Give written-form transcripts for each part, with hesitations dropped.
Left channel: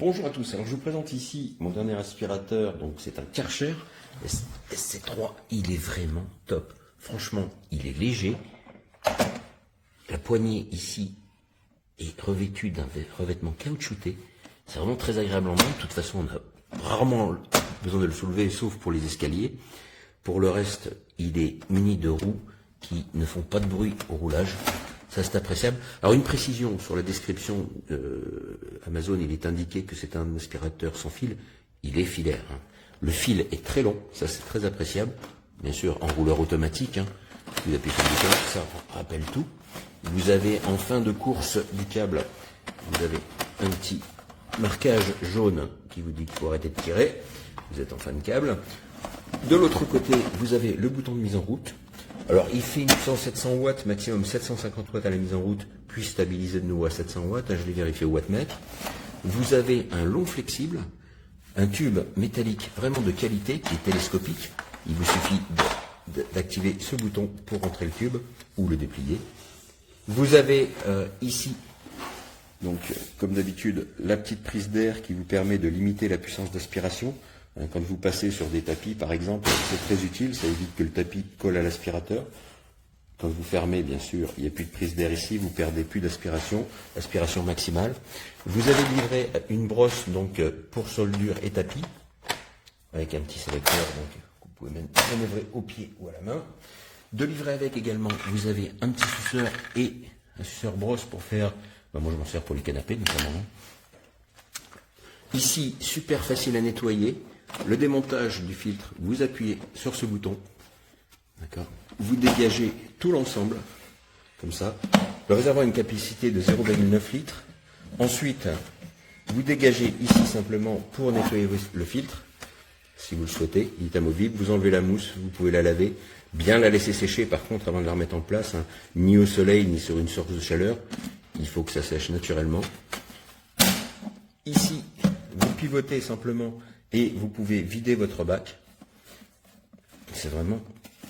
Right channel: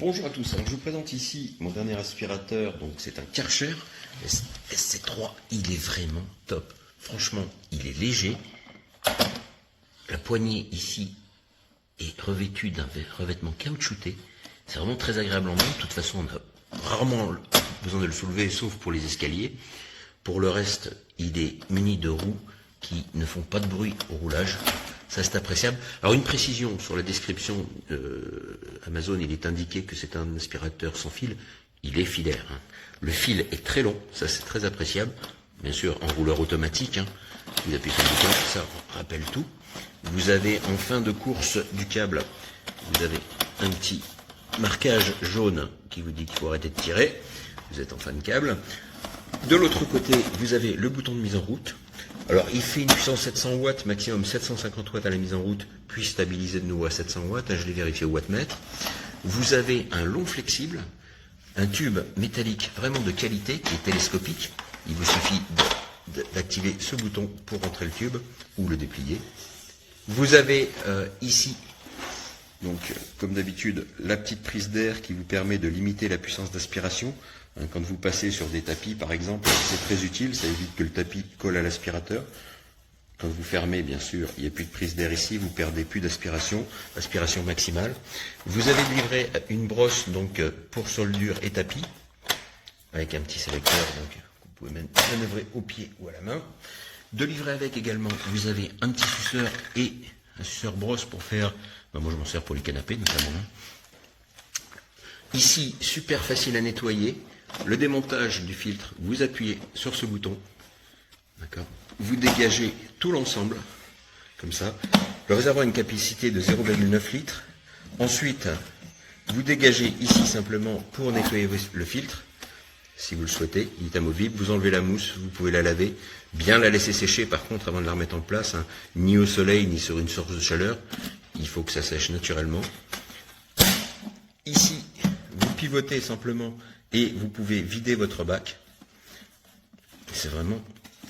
Bonjour à tous, alors je vous présente ici mon dernier aspirateur, donc c'est un Karcher SC3, il est vraiment top, franchement il est léger, la poignée ici est revêtue d'un revêtement caoutchouté, c'est vraiment très agréable en main, de toute façon on a rarement besoin de le soulever sauf pour les escaliers, pour le reste il est muni de roues qui ne font pas de bruit au roulage. Ça, c'est appréciable. Alors, une précision sur la description Amazon, il est indiqué que c'est un aspirateur sans fil. Il est filaire. Hein. Le fil est très long. Ça, c'est très appréciable. Bien sûr, en rouleur automatique. Hein. Vous appuyez sur le bouton, ça rappelle tout. Vous avez en fin de course du câble, vous avez un petit marquage jaune qui vous dit qu'il faut arrêter de tirer. Vous êtes en fin de câble. De l'autre côté, vous avez le bouton de mise en route. Alors, il fait une puissance 700 watts, maximum 750 watts à la mise en route, puis stabilisé de nouveau à 700 watts. Je l'ai vérifié au wattmètre. Vous avez un long flexible, un tube métallique vraiment de qualité, qui est télescopique. Il vous suffit d'activer ce bouton pour rentrer le tube ou le déplier. Vous avez ici, donc comme d'habitude, la petite prise d'air qui vous permet de limiter la puissance d'aspiration. Quand vous passez sur des tapis, par exemple, c'est très utile, ça évite que le tapis colle à l'aspirateur. Quand vous fermez, bien sûr, il n'y a plus de prise d'air ici, vous perdez plus d'aspiration, aspiration maximale. Vous avez livré une brosse donc pour soldure et tapis, avec un petit sélecteur, donc vous pouvez manœuvrer au pied ou à la main. De livrer avec également, vous avez un petit suceur et un suceur brosse pour faire, moi je m'en sers pour les canapés notamment. Ici, super facile à nettoyer. Le démontage du filtre, vous appuyez sur ce bouton, d'accord. Vous dégagez tout l'ensemble, comme ça. Le réservoir a une capacité de 0,9 litres. Ensuite, vous dégagez ici simplement pour nettoyer le filtre, si vous le souhaitez. Il est amovible. Vous enlevez la mousse, vous pouvez la laver. Bien la laisser sécher par contre avant de la remettre en place, hein. Ni au soleil, ni sur une source de chaleur. Il faut que ça sèche naturellement. Ici, vous pivotez simplement et vous pouvez vider votre bac. C'est vraiment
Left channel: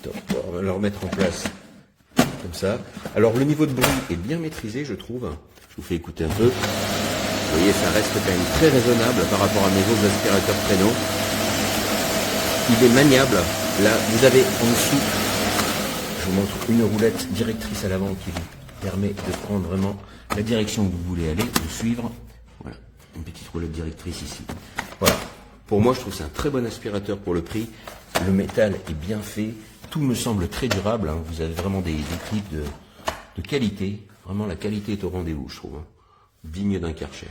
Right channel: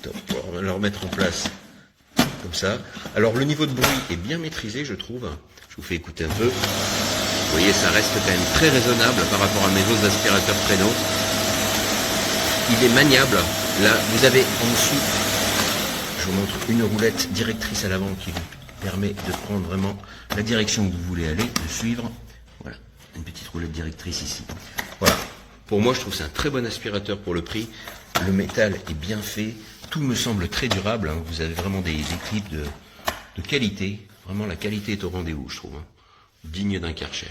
top. On va le remettre en place comme ça. Alors le niveau de bruit est bien maîtrisé, je trouve. Je vous fais écouter un peu. Vous voyez, ça reste quand même très raisonnable par rapport à mes autres aspirateurs traîneaux. Il est maniable. Là, vous avez en dessous, je vous montre une roulette directrice à l'avant qui vous permet de prendre vraiment la direction où vous voulez aller, de suivre. Voilà, une petite roulette directrice ici. Voilà. Pour moi, je trouve que c'est un très bon aspirateur pour le prix. Le métal est bien fait. Tout me semble très durable. Hein. Vous avez vraiment des clips de qualité. Vraiment, la qualité est au rendez-vous, je trouve. Hein. Digne d'un Karcher.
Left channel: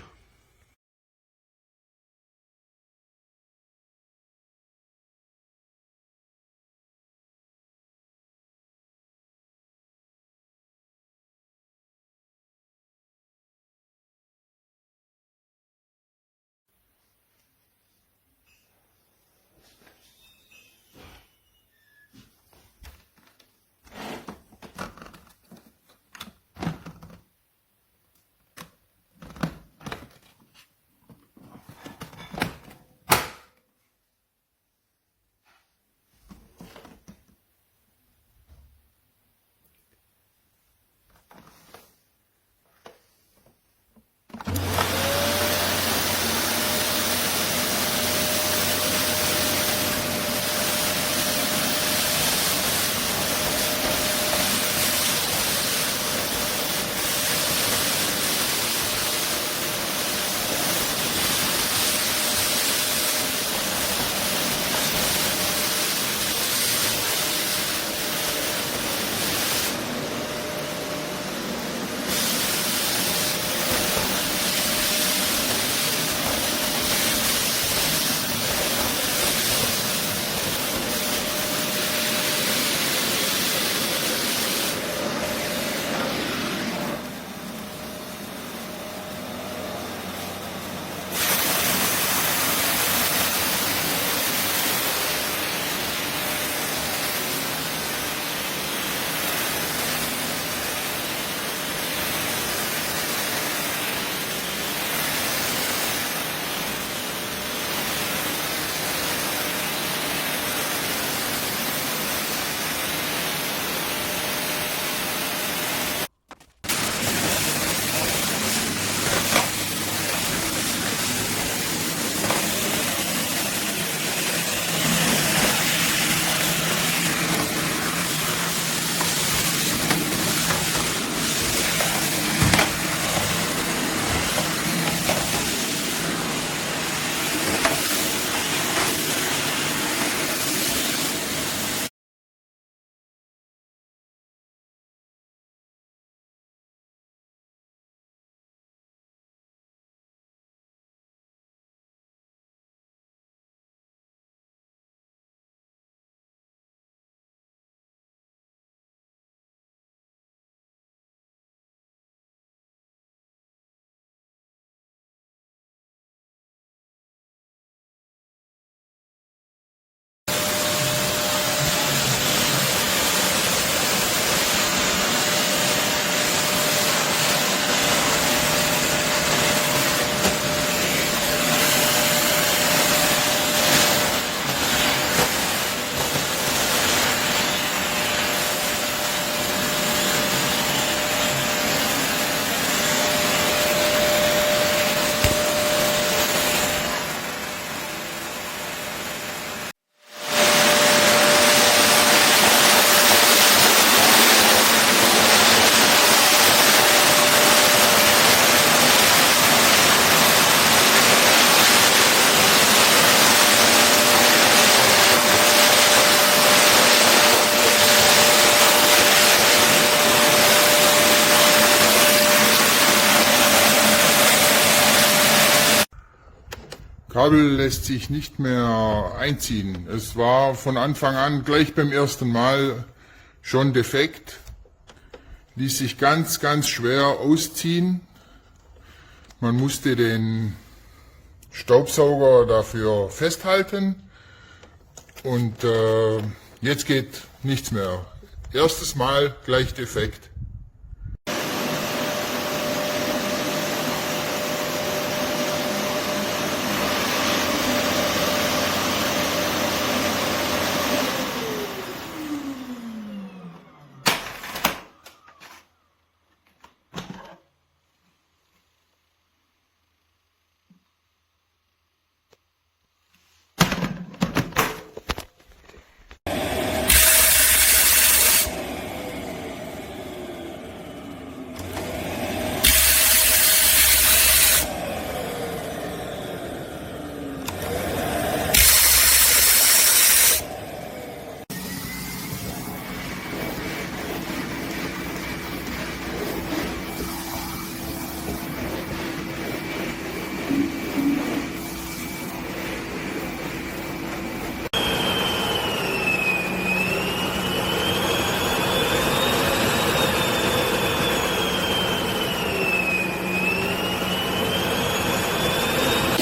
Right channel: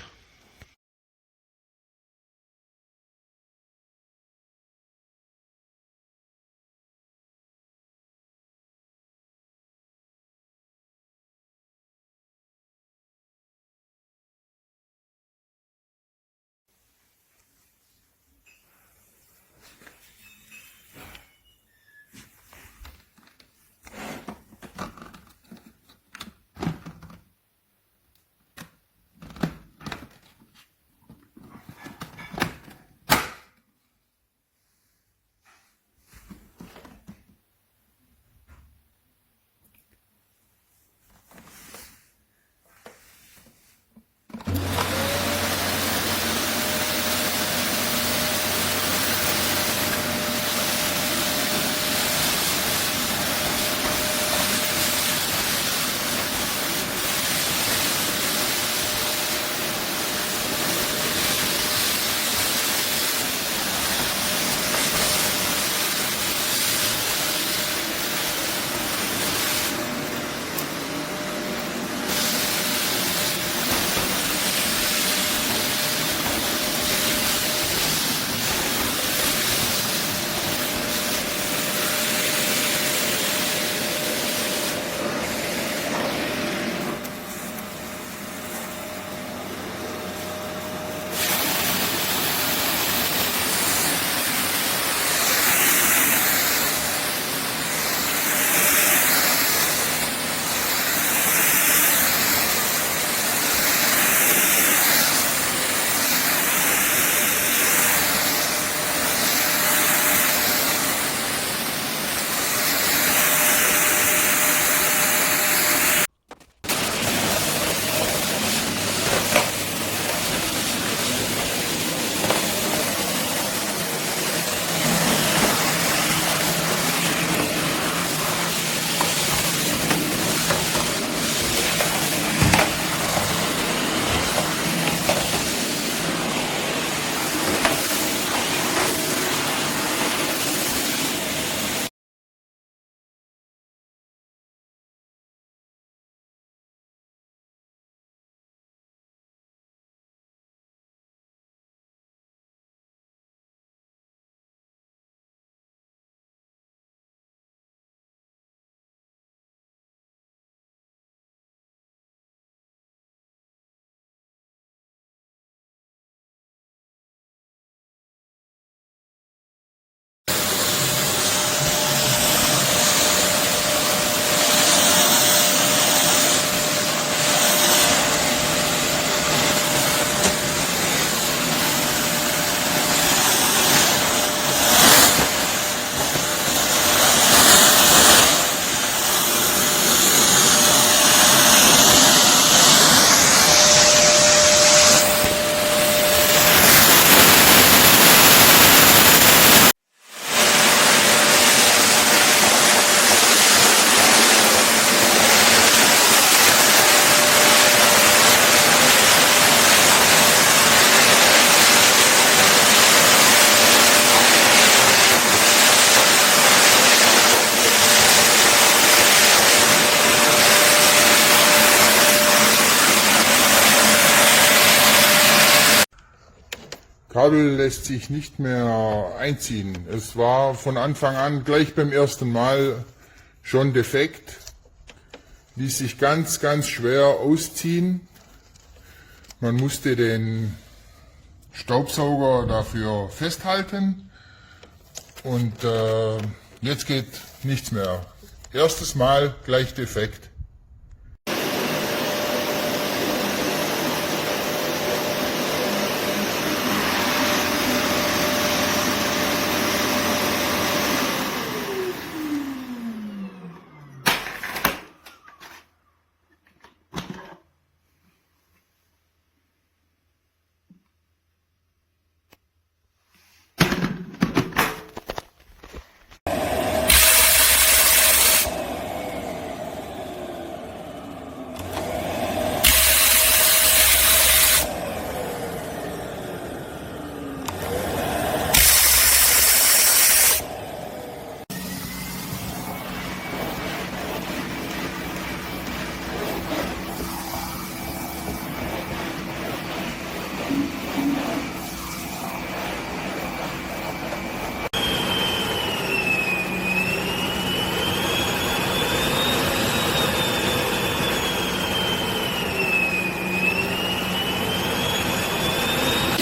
Kabel lässt sich nicht mehr einziehen. Es war von Anfang an gleich beim ersten Mal schon defekt. Ließ sich ganz, ganz schwer ausziehen. Man musste den Staubsauger dafür festhalten und jetzt geht nichts mehr. Erstes Mal gleich defekt.